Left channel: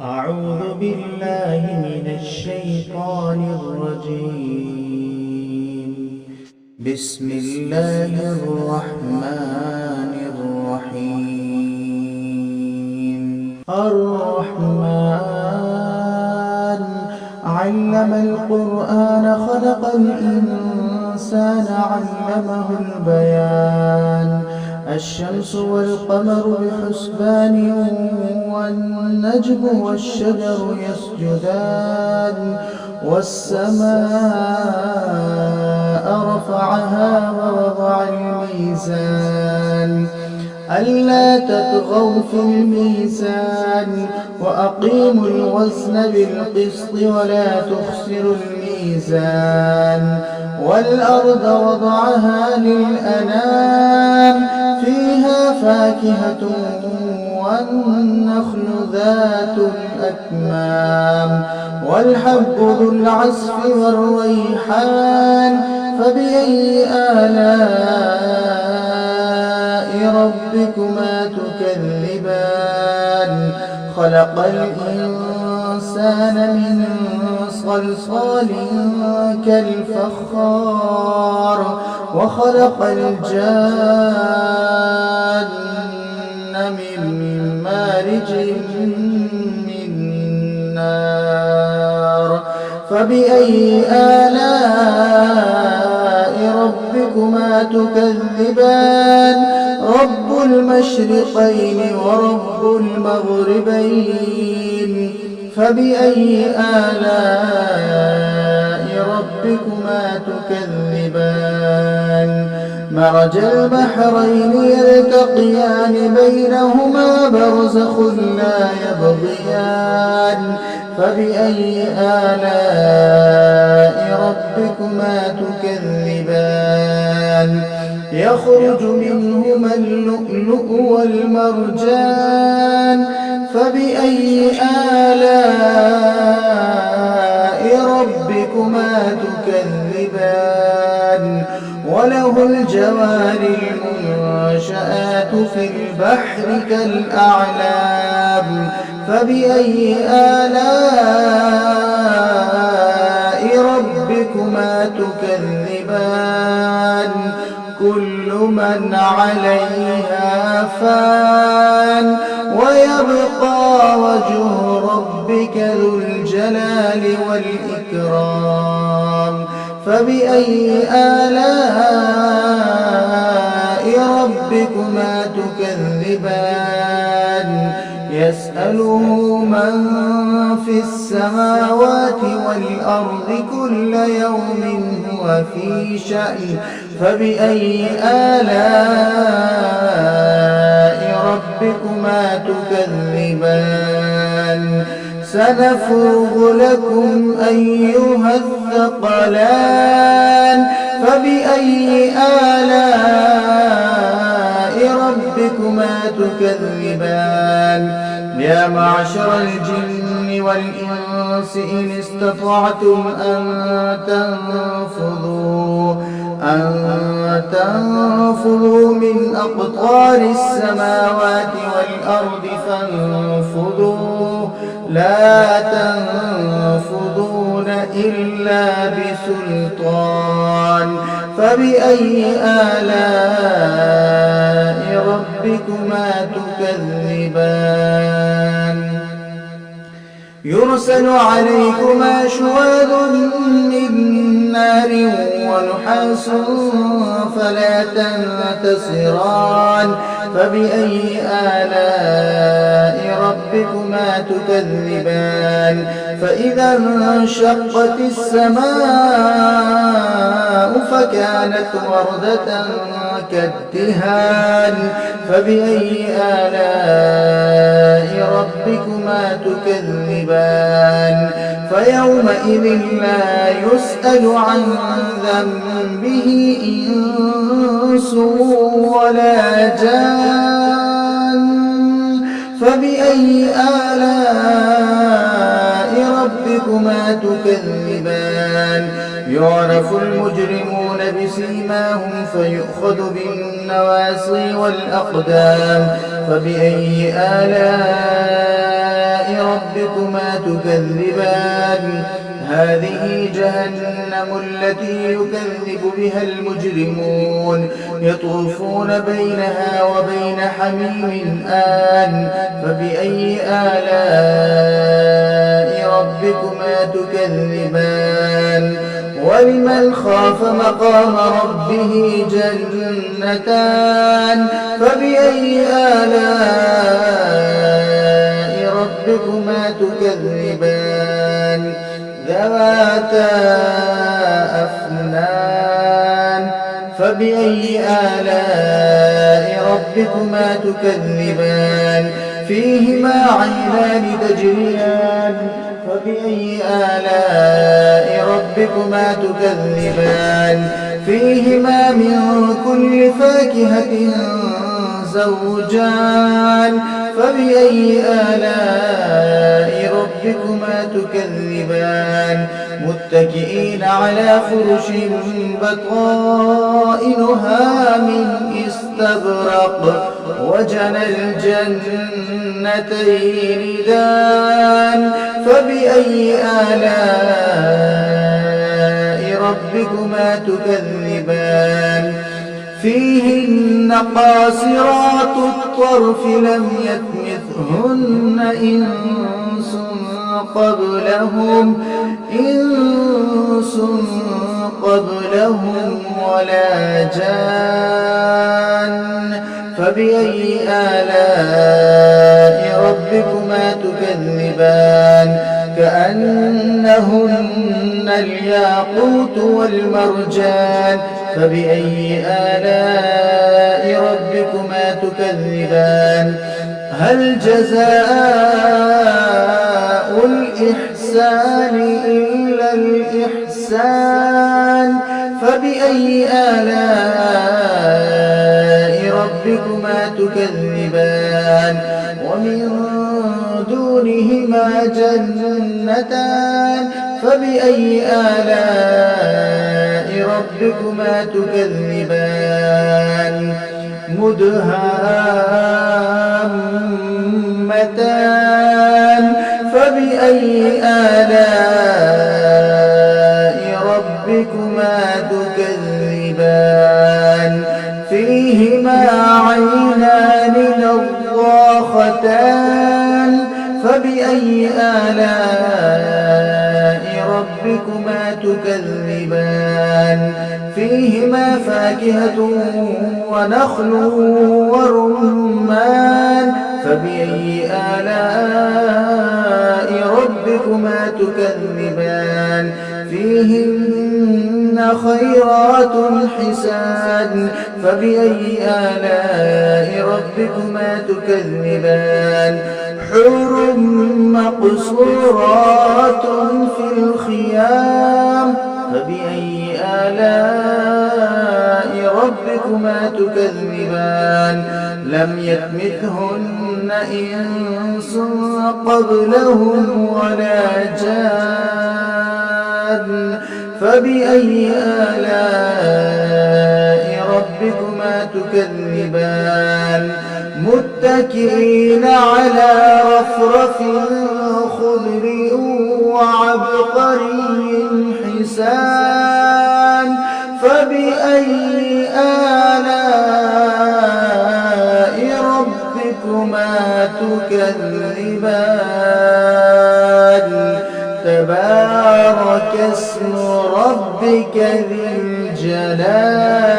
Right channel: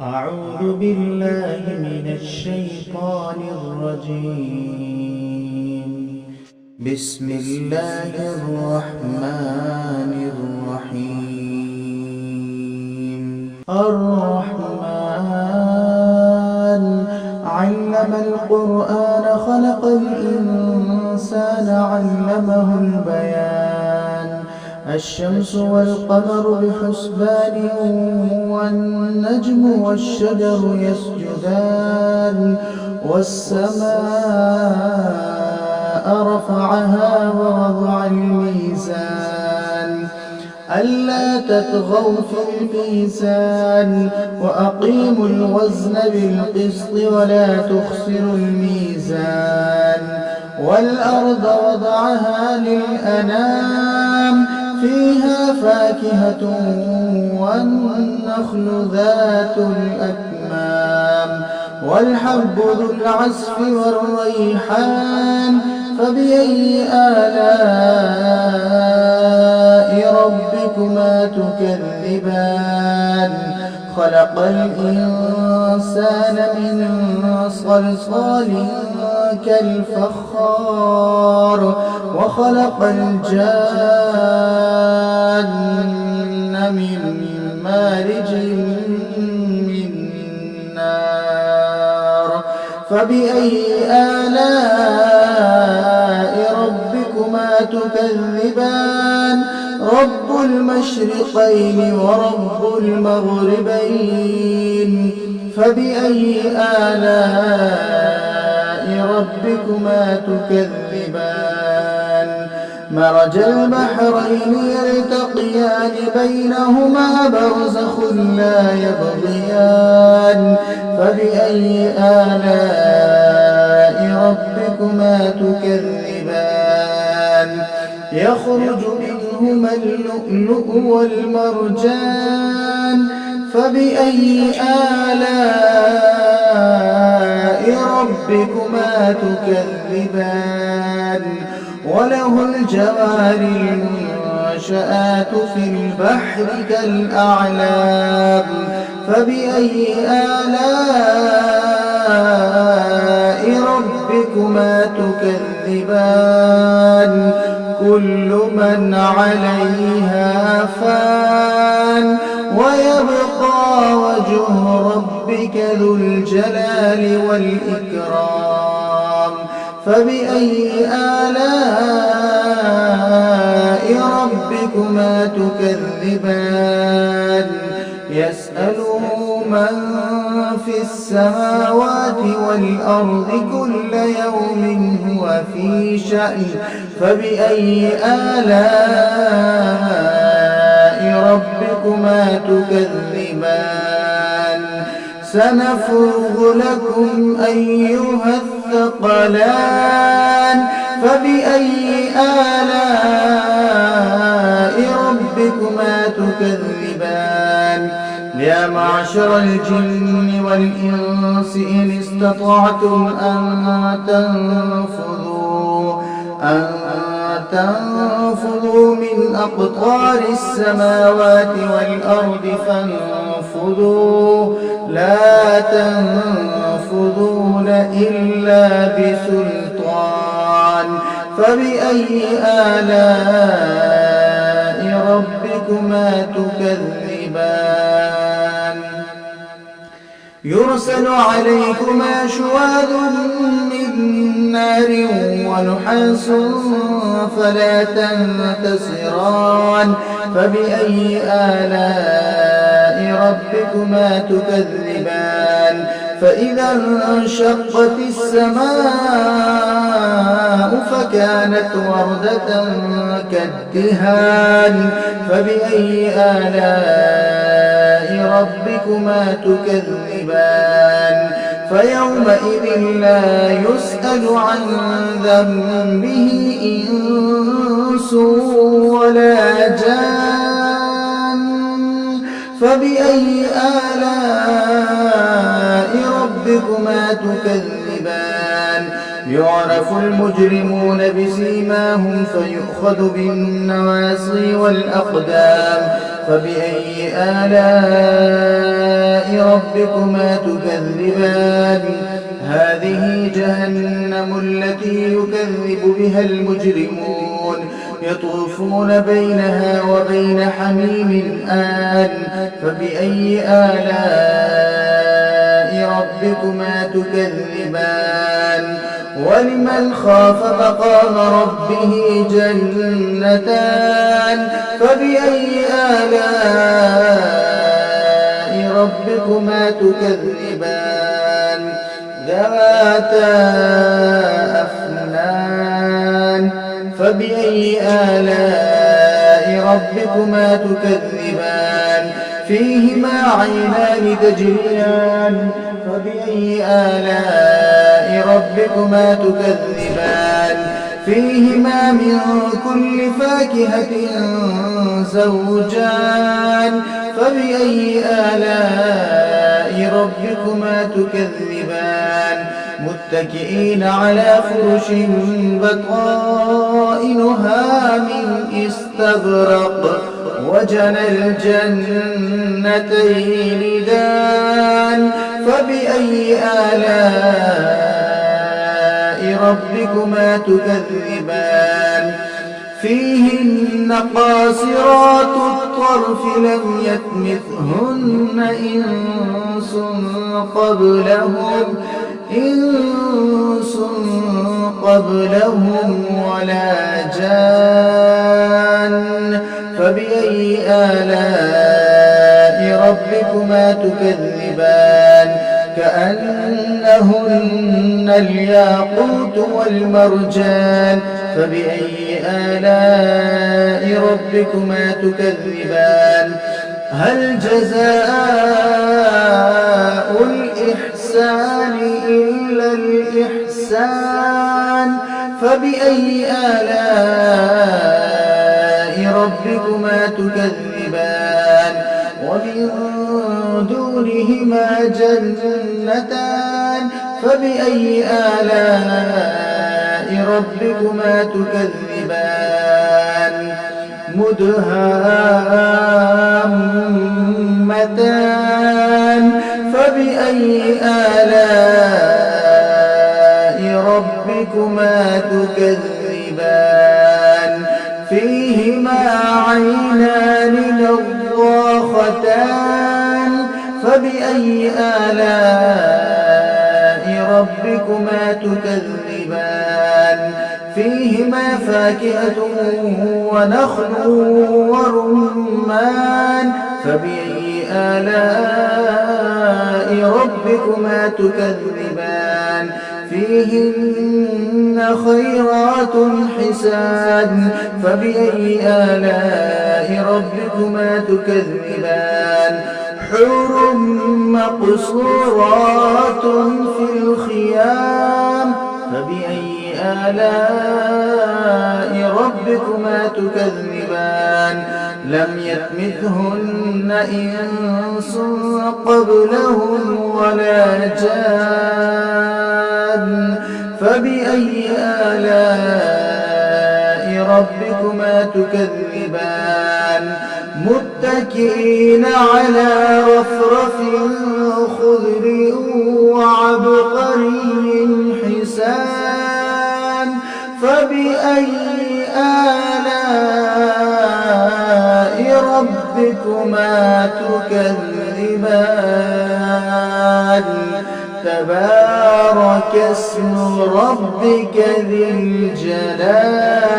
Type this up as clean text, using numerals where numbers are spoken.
أعوذ بالله من الشيطان الرجيم. بسم الله الرحمن الرحيم. الرحمن علم القرآن خلق الإنسان علمه البيان. الشمس والقمر بحسبان والنجم والشجر يسجدان والسماء رفعها ووضع الميزان ألا تطغوا في الميزان وأقيموا الوزن بالقسط ولا تخسروا الميزان والأرض وضعها للأنام فيها فاكهة والنخل ذات الأكمام والحب ذو العصف والريحان فبأي آلاء ربكما تكذبان. خلق الإنسان من صلصال كالفخار وخلق الجان من مارج من نار فبأي آلاء ربكما تكذبان. رب المشرقين ورب المغربين فبأي آلاء ربكما تكذبان. مرج البحرين يلتقيان بينهما برزخ لا يبغيان فبأي آلاء ربكما تكذبان. يخرج منهما اللؤلؤ والمرجان فبأي آلاء ربكما تكذبان. وله الجوار المنشآت في البحر كالأعلام فبأي آلاء ربكما تكذبان. كل من عليها فان ويبقى وجه ربك ذو الجلال والإكرام فبأي آلاء ربكما تكذبان. يسأله من في السماوات والأرض كل يوم هو في شأن فبأي آلاء ربكما تكذبان. سنفرغ لكم أيها الثقلان فبأي آلاء ربكما تكذبان. يا معشر الجن والإنس إن استطعتم أن تنفذوا من أقطار السماوات والأرض فانفذوا لا تنفذون إلا بسلطان فبأي آلاء ربكما تكذبان. يرسل عليكما شواظ من نار ونحاس فلا تنتصران فبأي آلاء ربكما تكذبان. فإذا انشقت السماء فكانت وردة كالدهان فبأي آلاء ربكما تكذبان. فيومئذ لا يسأل عن ذنبه إنس ولا جان فبأي آلاء ربكما تكذبان. يعرف المجرمون بسيماهم فيؤخذ بالنواصي والأقدام فبأي آلاء ربكما تكذبان هذه جهنم التي يكذب بها المجرمون يطوفون بينها وبين حميم آن فبأي آلاء ربكما تكذبان ولمن خاف مقام ربه جنتان فبأي آلاء ربكما تكذبان ذواتا أفنان فبأي آلاء ربكما تكذبان فيهما عينان تجريان فبأي آلاء ربكما تكذبان فيهما من كل فاكهة زوجان فبأي آلاء ربكما تكذبان متكئين على فرش بطائنها من استبرق وجنى الجنتين دان فبأي آلاء ربكما تكذبان فيهن قاصرات الطرف لم يطمثهن إنس قبلهم ولا جان فبأي آلاء ربكما تكذبان كأنهن الياقوت والمرجان فبأي آلاء ربكما تكذبان هل جزاء الإحسان إلا الإحسان فبأي آلاء ربكما تكذبان ومن دونهما جنتان فبأي آلاء ربكما تكذبان مدهامتان فبأي آلاء ربكما تكذبان فيهما عينان نضاختان فبأي آلاء ربكما تكذبان فيهما فاكهة ونخل ورمان فبأي آلاء ربكما تكذبان فيهن خيرات حسان فبأي آلاء ربكما تكذبان حور مقصورات في الخيام فبأي آلاء ربكما تكذبان لم يطمثهن إنس قبلهم ولا جان فبأي آلاء ربكما تكذبان متكئين على رفرف خضر وعبقري حسان فبأي آلاء ربكما تكذبان تبارك اسم ربك ذي الجلال